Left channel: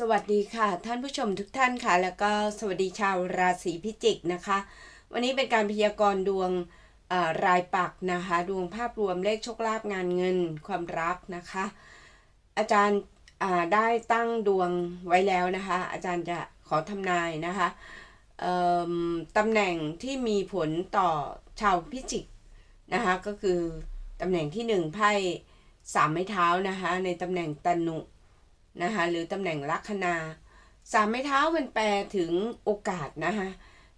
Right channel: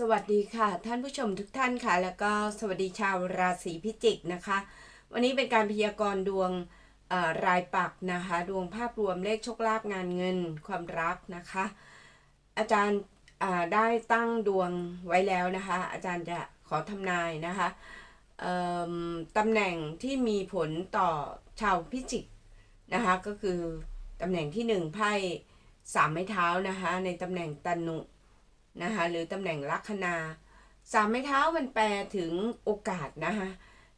สวัสดีค่ะ ท่านผู้ชมทุกท่านค่ะ แล้วก็สวัสดีชาวราศีพิจิกนะคะ วันนี้เป็นการพยากรณ์ดวงรายปักนะคะ ดวงภาพรวมเลขโชคลาภงานเงินความรักนะคะ อาจารย์ได้ตั้งดวงไว้แล้วนะคะ อาจารย์จะขอทำนายนะคะตำแหน่งที่มีผลต่อชาวพิจิกนะคะก็คือตำแหน่งที่หนึ่งไพ่สามไม้เท้านะคะในตำแหน่งตนุ นะคะหรือตำแหน่งลัคนาสามไม้เท้ามันแปลถึงโอกาสนะคะ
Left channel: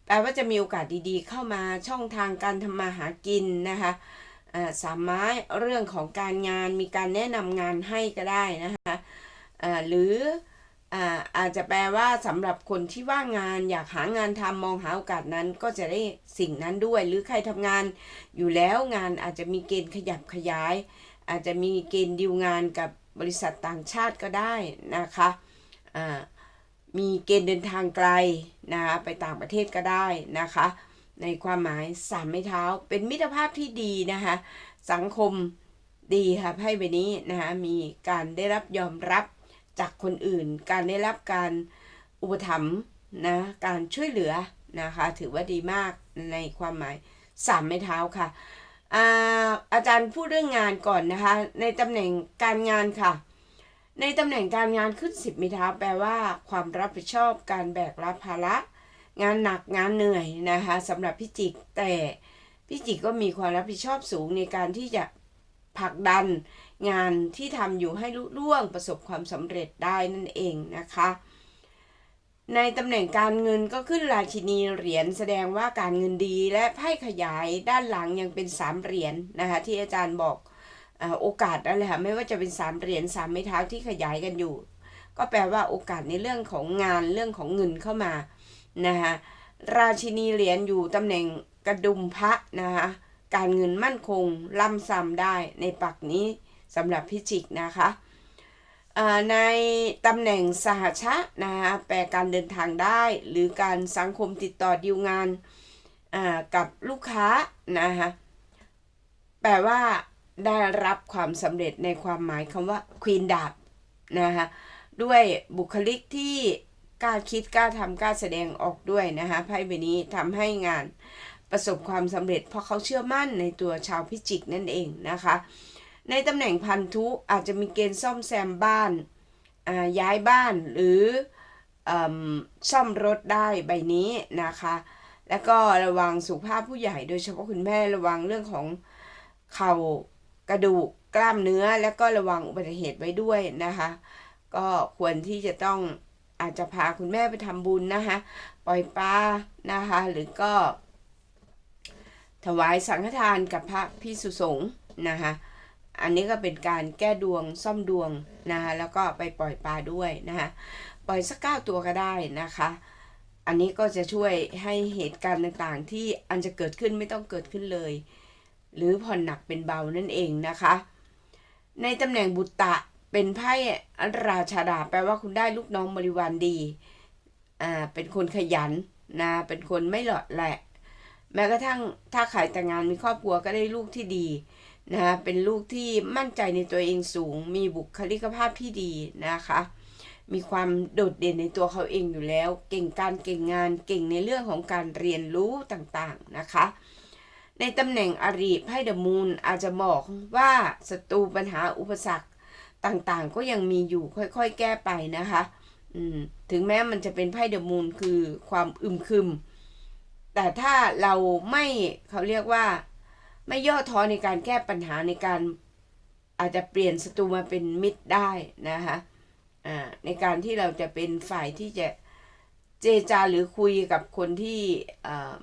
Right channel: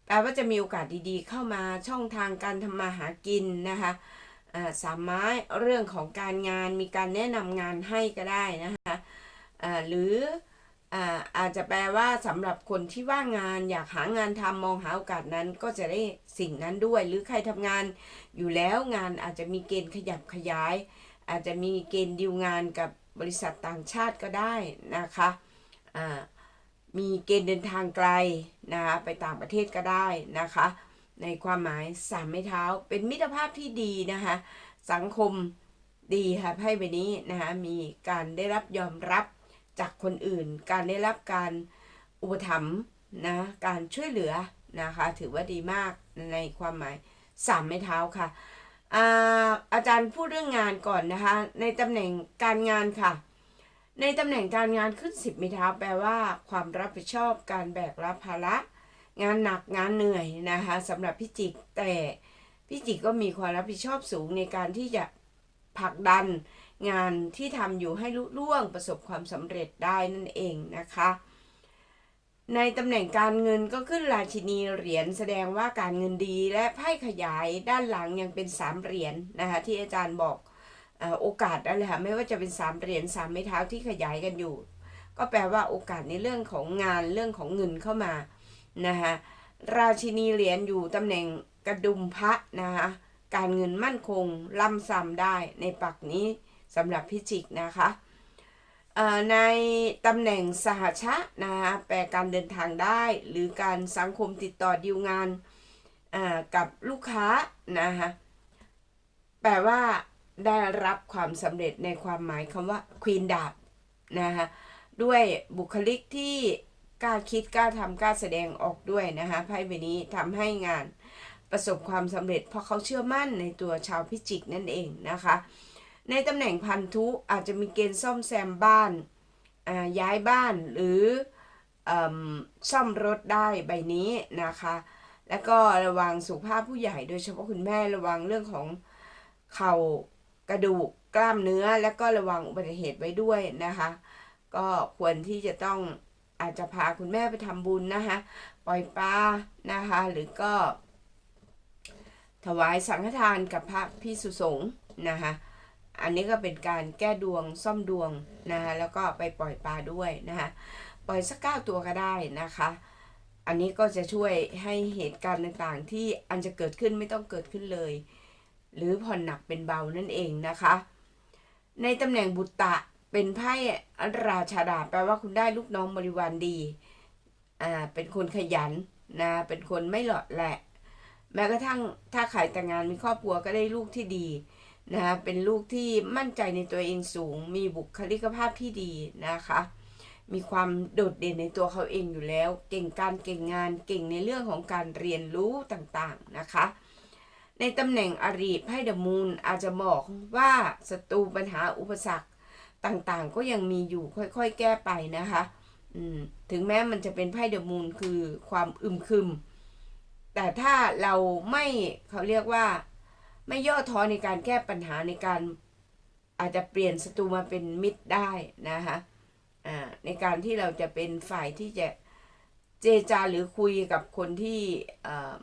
แปลว่าจะมีโอกาสดีๆ เข้ามาช่องทางการทำมาหากินนะคะสามไม้เรื่องของการงานมีการแนะนำงานให้ก็ได้นะคะหรืออาอาจจะแปลว่าสำหรับคนที่ว่างงานอยากหางานทำมองหาโอกาสนั้น ก็จะได้สิ่งนั้นด้วย หรือใครทำงานอยู่แล้วงานอาจจะมีเกณฑ์ขยับขยาย อาจจะมีเกณฑ์ดีลงานกับ บริษัทต่างชาติก็ได้นะคะมีเกณฑ์เดินทางไกลนะคะไปต่างประเทศก็ได้นะคะ ในความหมายสามไม้เท้า เป็นมิตรภาพที่ดีนะคะสังคมดีค่ะไพ่ใบนี้นะคะมีการได้รับยอมรับจากคนอื่น การได้รับการอุปถัมภ์นะการช่วยเหลือนะคะ ถือว่าดีมากในความหมายสามไม้เท้าค่ะ อาอาจารย์พูดเรื่องงานก่อนนะคะ ในตำแหน่งการงานค่ะ ในตำแหน่งการงานขึ้นสิบมิท้าแปลว่า ความรับผิดชอบการแบกรับภาระ งานหนักงานเหนื่อยนะคะสำหรับพิจิกแต่พิจิกก็มีความรับผิดชอบสูงในการที่จะผลักดันงานที่ทำอยู่ให้ลุล่วงประสบความสำเร็จได้นั่นเองนะคะ ในตำแหน่งการเงินก็ขึ้นราชินีเหรียญแสดงว่าการเงินดีและไพ่ขยายด้านหลังยังเป็นสามเหรียญนะคะที่อาจารย์บอกอโอกาสนั่นแหละค่ะไม่ว่าจะเป็นสามเหรียญสามไม้เท้าที่ขยายกันอยู่ ก็แปลว่าโอกาสในเรื่องของงานเรื่องของเงินเข้ามานะคะราชินีเหรียญอยู่ตำแหน่งกระดุมพระนะคะการเงินมั่นคงล่ำซ้ำได้ในปักนี้สำหรับพิจิกนะคะ ในตำแหน่งสหชะนะคะแปลการเดินทางได้ หรือการสังคมติดต่อดีลงานอ่ากับลูกค้านะคะแปลว่าได้รับความสำเร็จในความหมายคำว่าควีนดาบนะคะด้วยบุคลิกที่กล้าคิดกล้าทำกล้าแสดงออกด้วยนะคะไพ่ใบนี้ทำให้งานประสบความสำเร็จ เพราะเขาเชื่อมั่นในตัวชาวพิจิกนั่นเองนะคะ ในตำแหน่งพันธุอาจจะมีเกณฑ์ซ่อมแซมบ้านย้ายบ้านหรืออซ่อมรถได้ใบนี้นะคะ แล้วก็ระวังสุขภาพผู้ใหญ่โดยเฉพาะคุณแม่ระวังเรื่องของเข่ากระดูกกล้ามเนื้อ แล้วก็ระวังอุบัติเหตุไว้ด้วยนะคะ ก็ควรที่จะต้องอาจจะพาคุณแม่ไปทำบุญนะคะ ปล่อยปลานะคะ หรือก็ ถวายสังฆทานกับพระพิสุสงฆ์นะคะ อันนี้ก็เป็นการแก้ดวงซ่อมดวงนะคะแล้วก็ไปปล่อยปลาด้วยนะคะปล่อยสักเก้าตัวก็ได้นะคะ อันนี้ก็จะช่วยให้เหตุการณ์ต่างๆ ที่อันจะเกิดขึ้นไม่ต้องเกิดขึ้นเลย หรือผ่อนหนักเป็นเบานั่นเองนะคะ ในตำแหน่งบุตตะเป็นไพ่ราชาดาแปลว่าคุณได้ลูกน้องบริวารดีอ่าเป็นคนขยันนะเป็นคนไม่หลอดแหละ แม้กระทั่งถ้าขายแต่งงานมีครอบครัวก็ได้ลูกที่ดี นะคะเป็นลูกที่มั่นใจในตัวเองสูง มีบุคลิกภาพที่ดีนะคะ มีความโดดเด่นในตัวเขาเองอยู่แล้ว เก่งการเก่งงานเก่งในเรื่องของการเรียนรู้ต่างๆนะคะ ในตำแหน่งอริไพ่เดอะมูนอาจจะบอกว่าศัตรูปัญหาอุปสรรคต่างๆ ก็ยังมีอยู่ค่อยๆ แก้ไปนะคะอืมถึงแม้มันจะเป็นไพ่เดอะมูนคือความอึมครึม แต่ถ้าเราไม่เขาเรียกว่า ไม่ย่อท้อในการแก้ปัญหาในการอาจจะเปลี่ยนศัตรูมาเป็นมิตรได้นะคะในการที่เราจะเป็นฝ่ายที่จะเจรจาหรือคุยกับคนที่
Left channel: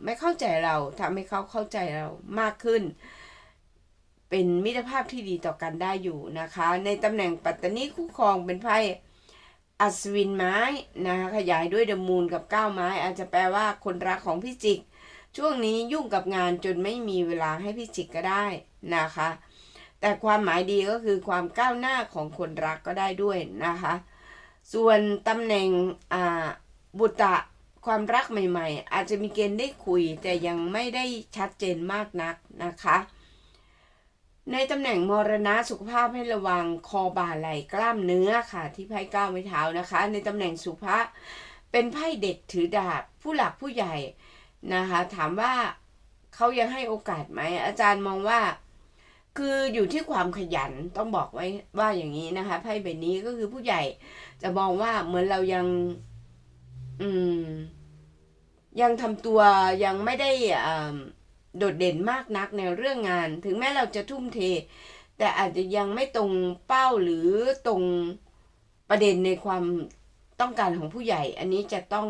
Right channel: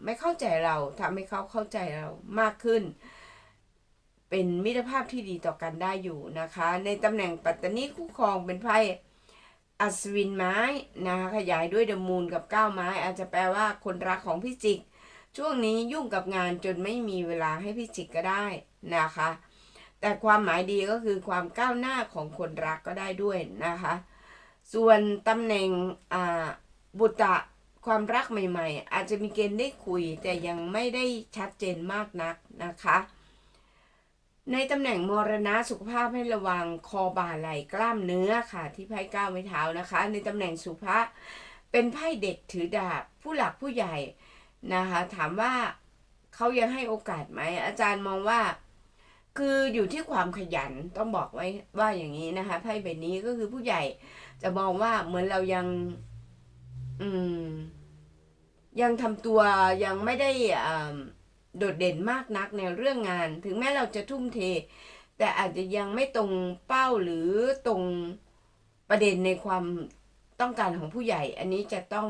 ไม่เข้าใจเราทำให้เขาเข้าใจเรามากขึ้น เป็นมิตรภาพที่ดีต่อกันได้อยู่นะคะ ในตำแหน่งปัตตานีคู่ครองเป็นไพ่อัศวินไม้นะคะขยายด้วยเดมูนกับก้าวไม้ อาจจะแปลว่าคนรักของพี่จิก ช่วงนี้ยุ่งกับงานจนไม่มีเวลาให้พี่จิกก็ได้นะคะ แต่ความหมายดีก็คือความก้าวหน้าของคนรักก็ได้ด้วยนะคะ ส่วนตำแหน่งบุตรความรักใหม่ๆ อาจจะมีเกณฑ์ได้คุยแต่ยังไม่ได้ชัดเจนมากนักนะคะ ในตำแหน่งมรณะสุขภาพให้ระวังคอบ่าไหล่กล้ามเนื้อค่ะ ที่ไพ่ก้าวไม้เท้านะคะ ในตำแหน่งสุภะเป็นไพ่เด็กถือดาบผู้หลักผู้ใหญ่ นะคะ ถามว่าเขายังให้โอกาสไหม อาจารย์มองว่า คืออยู่ที่ความขยันต้องบอกไว้ว่าอย่างนี้นะคะไพ่ใบนี้ก็คือผู้ใหญ่จะมองว่าเหมือนเรายัง อืม ยังทำตัวยังไม่ได้อ่าโดดเด่นมากนักในเรื่องงาน ถึงแม้เราจะทุ่มเท แต่อาจจะยังไม่ตรงเป้าหรือตรงประเด็นในความต้องการของผู้ใหญ่ อันนี้จะต้อง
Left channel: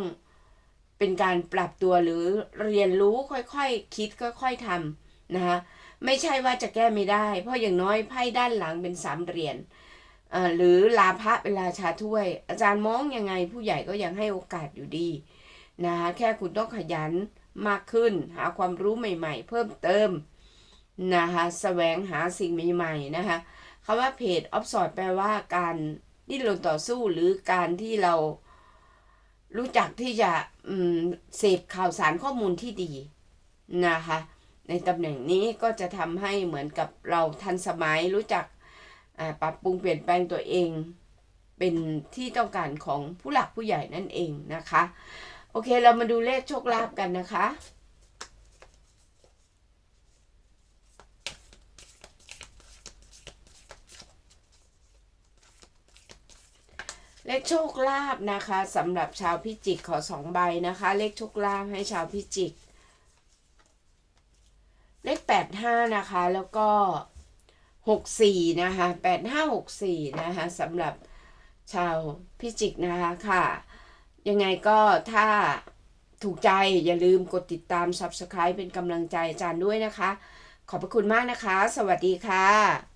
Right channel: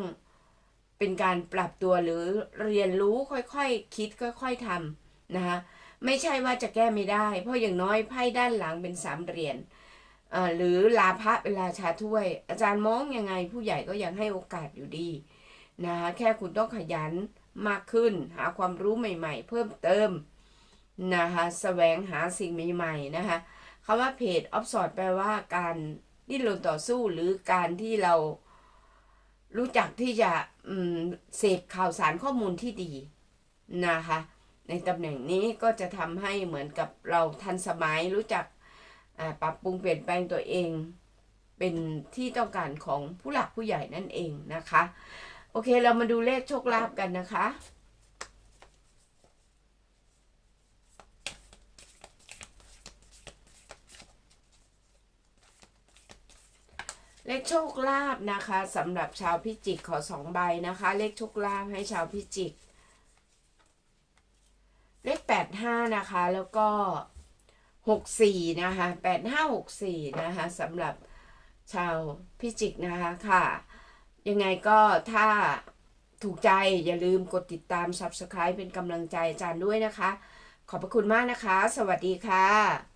เป็นการปรับตัวหรือเรียนรู้ค่อยๆคคิดค่อยๆทำนะคะไม่ใช่ว่าจะแก้ไม่ได้ เพราะอย่างน้อยไพ่ด้านหลังเป็นสามเหรียญหรือลาภะเป็นราชาถ้วย อาจารย์มองยังไงผู้ใหญ่ก็ยังให้โอกาสอยู่ดีนะคะแค่คุณต้องขยันมากขึ้น หาความรู้ใหม่ ๆ เพิ่มเติมนะคะแสวงหาสิ่งใหม่ๆนะคะคำว่าเพจออฟสอดแปลว่าการดิ้นรนต่อสู้หรือการที่เรา รู้จักที่จะเสพข่าวสารข้อมูลที่ดีนะคะ ในตำแหน่งนี้ก็จะทำให้เหมือนกับเราทันสมัยรู้จักปรับปรุงเปลี่ยนแปลงตัวเอง เป็นที่ต้องการของผู้หลักผู้ใหญ่นั่นเองนะคะ โอเคเรามาดูเลขโชคลาภกันนะคะ เลขโชคลาภนะคะสำหรับชาวพิจิกขอสองใบนะคะ เลขโชคลาภให้ชาวพิจิก เลขแปดห้านะคะแล้วก็หกสี่นะคะแปดห้าหกสี่นะคะสำหรับชาวพิจิกนะคะค่ะ ยังไงก็ถ้าถูกใจอย่าลืมกดติดตาม Subscribe เป็นกำลังใจอาจารย์ด้วยนะคะ ขอบพระคุณมากนะคะ สวัสดีค่ะ